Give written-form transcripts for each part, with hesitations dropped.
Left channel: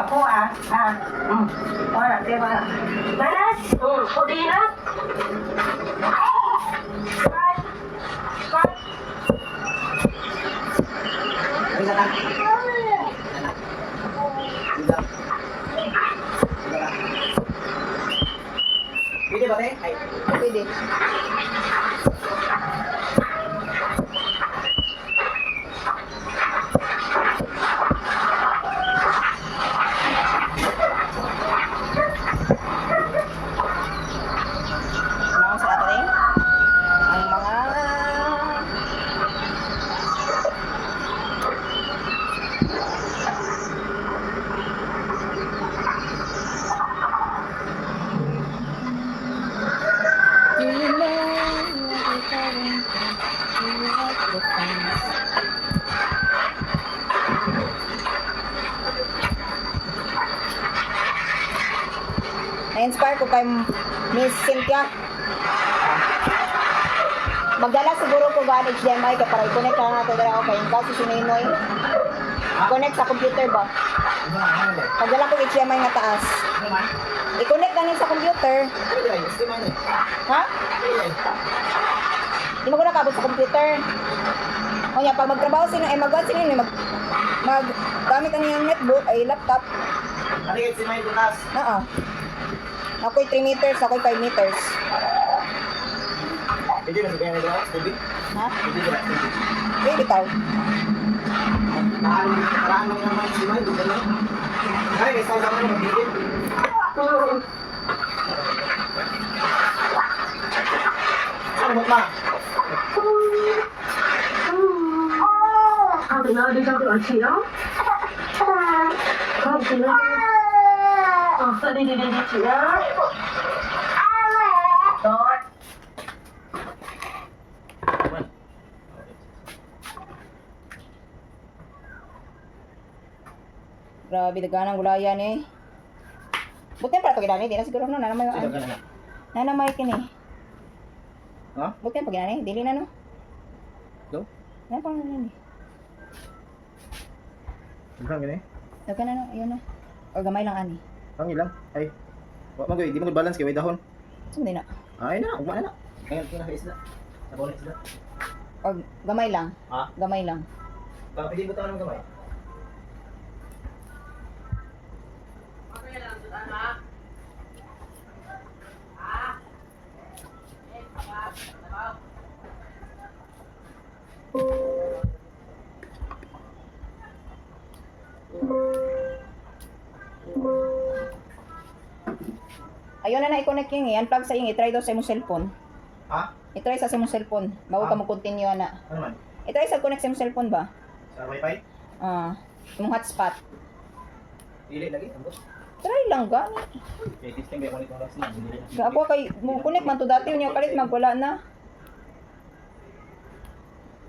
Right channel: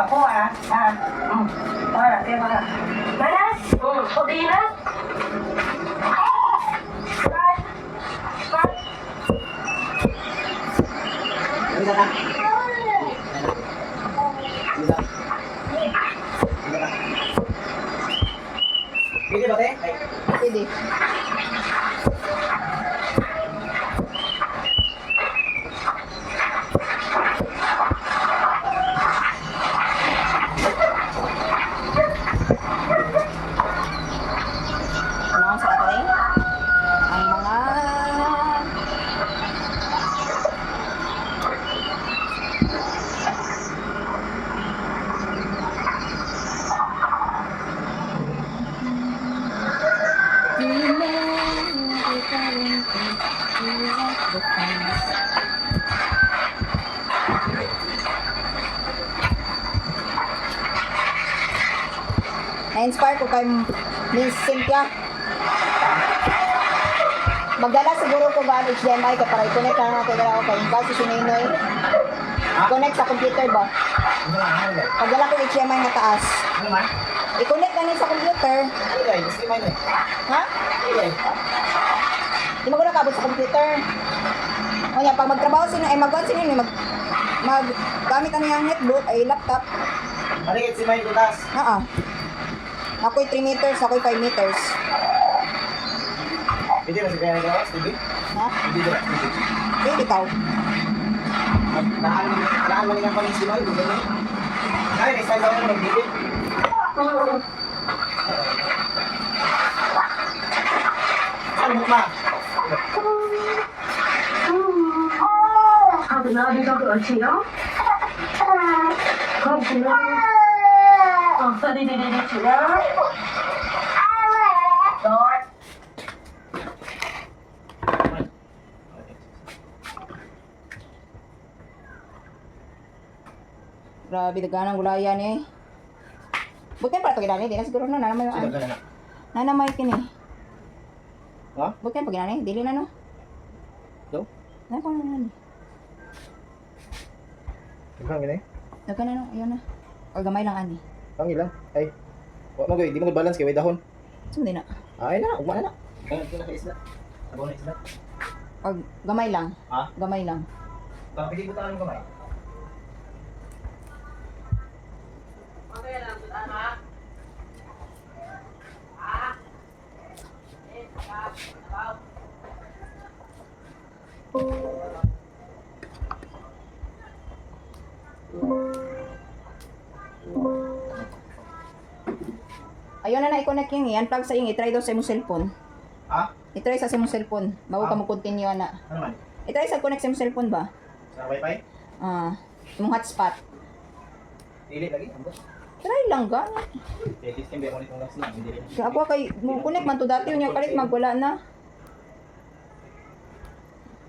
ako wala, wala. Malas? Hindi na. Bisa na. Pwede ba, te? Ay. Pwede. Ano sa atin? Ang mga Do you know what we're going through? Do you like the things? Na-inspire ko kay Miss Cynthia. Magdala siguro ko gaan HDMI ka para i-connect na natin ako kay kasi si Ninoy. Connect sa computer ba? Magdala ko HDMI nga taas. Ano man? I-connect na niya sa computer. Pwede ay. Gusto man eh. Ha? Pwede ay. Di mo ko nakabot sa computer. O yan, pag magtrabaho sino, ay mag-on sino yun, gamit ano yung netbook, ay laptop. Naligid si Mike Dulas. Oo. Ako'y 3 meters, ako'y 5 meters. Pwede ba si Kaya Dulas? Pwede? Ha? Pwede ba? Pwede ikaw. Naan man ang panis si Mike. Pwede na. Ay, may style ka mo magbukit. Saan mo na? 看着呢，就叫个气啊。看着呢。đi chị đó. Rồi. Grabe, daganang gulayan eh. Buti pala pag inani, di na siguro na nanamay Sino ka na? nanamay kini. Ha? Buti pag inani, dili na no. Daw? Na pa na ni. Saan gini? Dagan na no, ayun na. O gamay lang ani. Pangi lang. Ay. Wa mo di mo balance kay way dahon. Sumdi na. Ay na, ugma na. Ngayon kina sa isda. Ako na isda. O gamay lang. Ha? Gamay lang. Tapos hindi butangan ng kamay. Ayun na i-connect yung i-unplug sa yung i-try daw sa imong cellphone. Ha? I-try sa imong cellphone. Bago ka mo continue na. Ano man? I-try sa connect sa imong cellphone ba? Sa wifi? Imong hotspot. Dili lagi. Ambos. Try lang gani. Okay, testing ba mo nitong last na? Dili. Ako kay mo connect man to dati unya kalit magwala na.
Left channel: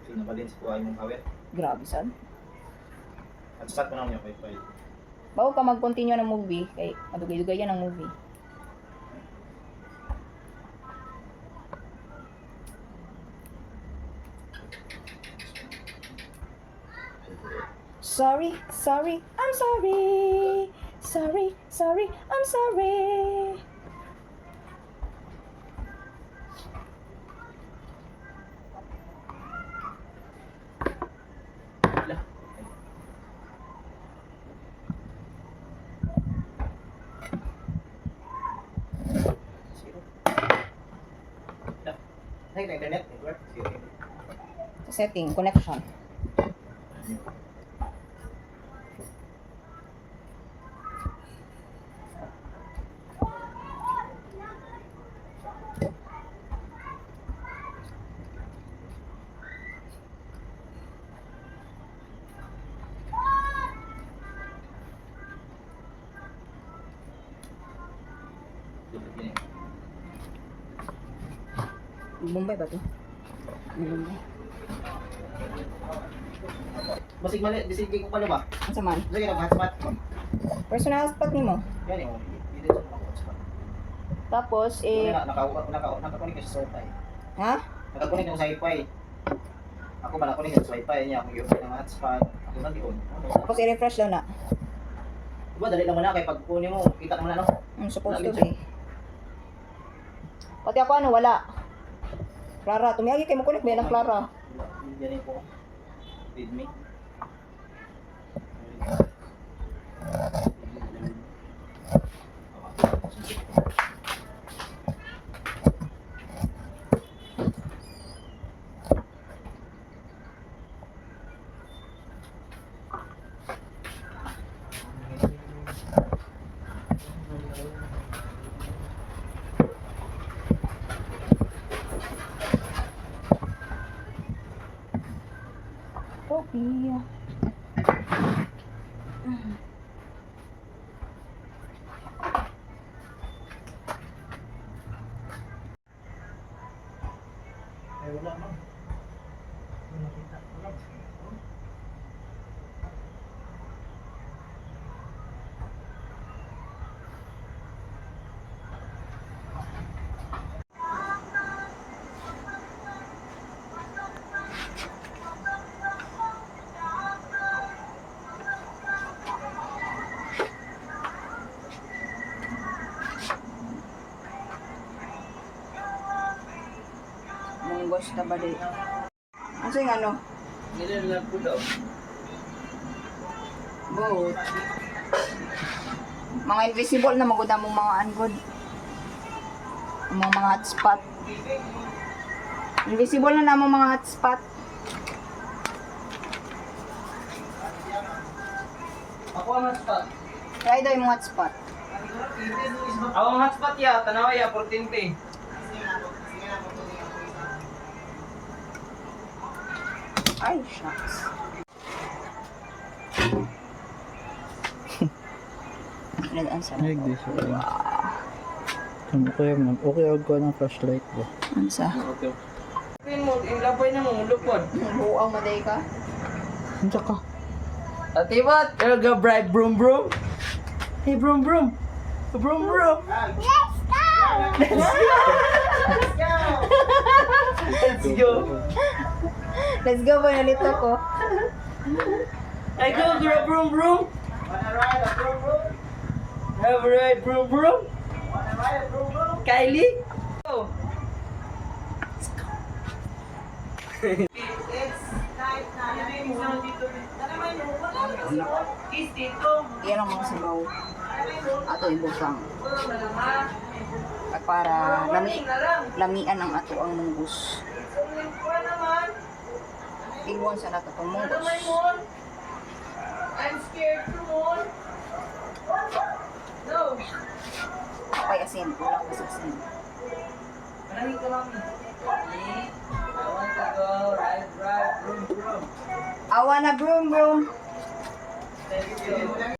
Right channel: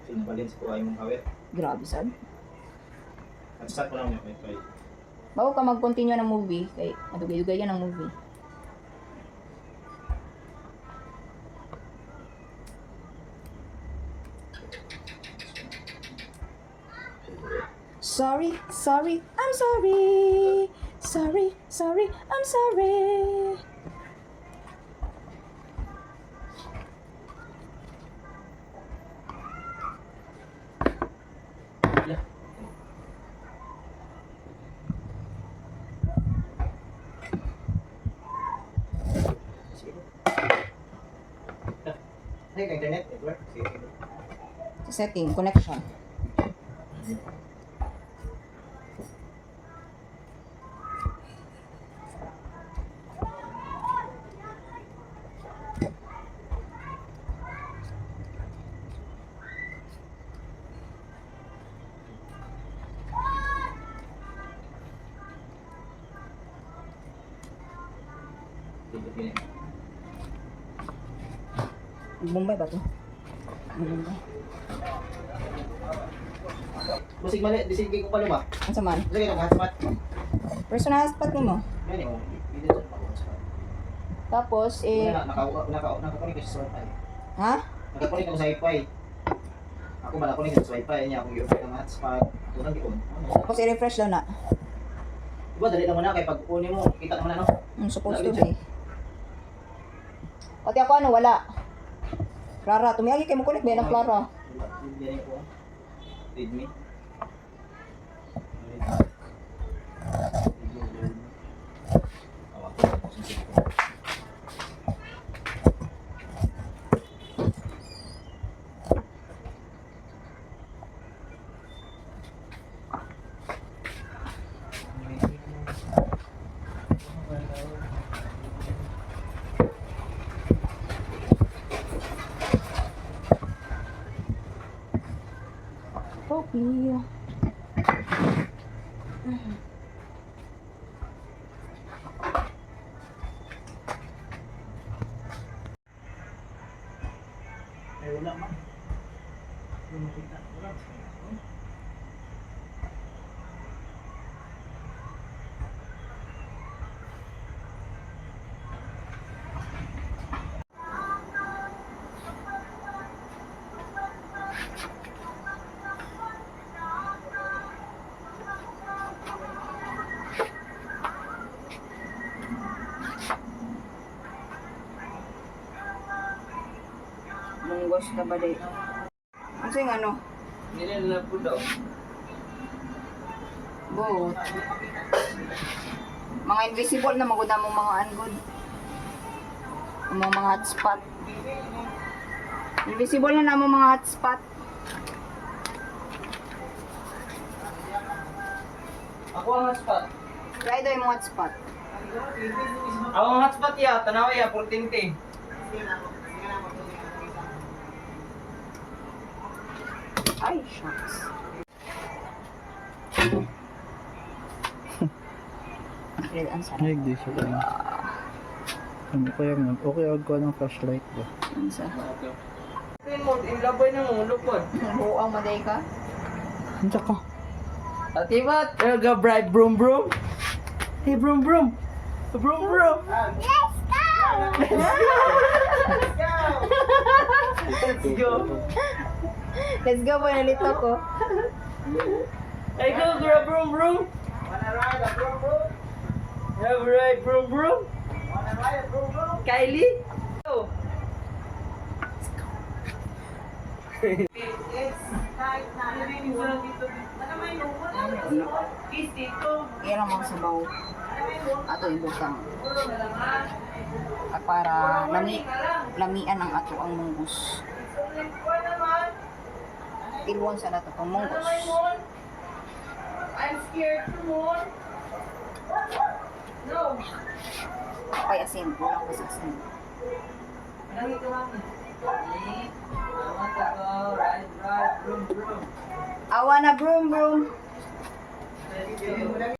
Sino pa din sa kuha imong kawit? Grabe sad. Start mo na yung wifi. Bago ka mag-continue ng movie kay madugay-dugay yan ang movie. Sorry, sorry, I'm sorry. Sorry, sorry, I'm sorry. Ay, ka internet, network. Setting, connection. Bombay ba to? Bombay. Basig mali, bisig ko pala ba? Ang saman? Sige, nag-hotspot. Personal hotspot nimo. Yan yung video sa hotspot. Tapos Nakakunik ka sa wifi. ha? Nakakunik ako sa wifi. Ako ba nakunik sa wifi niya? Kung yung ng hotspot, ako nang yun. Tapos i-refresh daw na. Diba, dali naman na, kaya pag kunin mo, kita ka man ano. Supposed to be. Pati ako ano, wala. Clara, tumiyagi kayo mo connect ba ng Clara? Yan po. Read me. Copy. Ay, wala man. Hindi makita. Wala. Munggos ka ba di? Ano yung ano? Nilalap po daw. Both. Mga invisible na maganda mong mga angod. Mga hotspot. Invisible na namang mga hotspot. Ako ang hotspot. Try daw yung hotspot. Ako ang hotspot ya, tanawa ya, 14P. Ay, shucks. Ang sarap. Ay, di siya kayo. Okay, ako ng flashlight ba? Ang sa? Okay. Ilabay na mo, lupod. Buang maday ka? Hindi ka. Ati ba? Go bright broom broom. Hey broom broom. Broom broom. Let's go. Let's go, boy. Nalito ko. I go grab broom broom. Have a ride broom broom. Kylie. Go. Iyan ang mga sabaw. Ato ibutang. At para lamian ang ato ang munggus. Tilwan sa nato itong munggus. I'm scared to moon. No. Kapay asin. Wala ko sa asin. I want to go ride broom broom. Awa na broom broom. Thank you.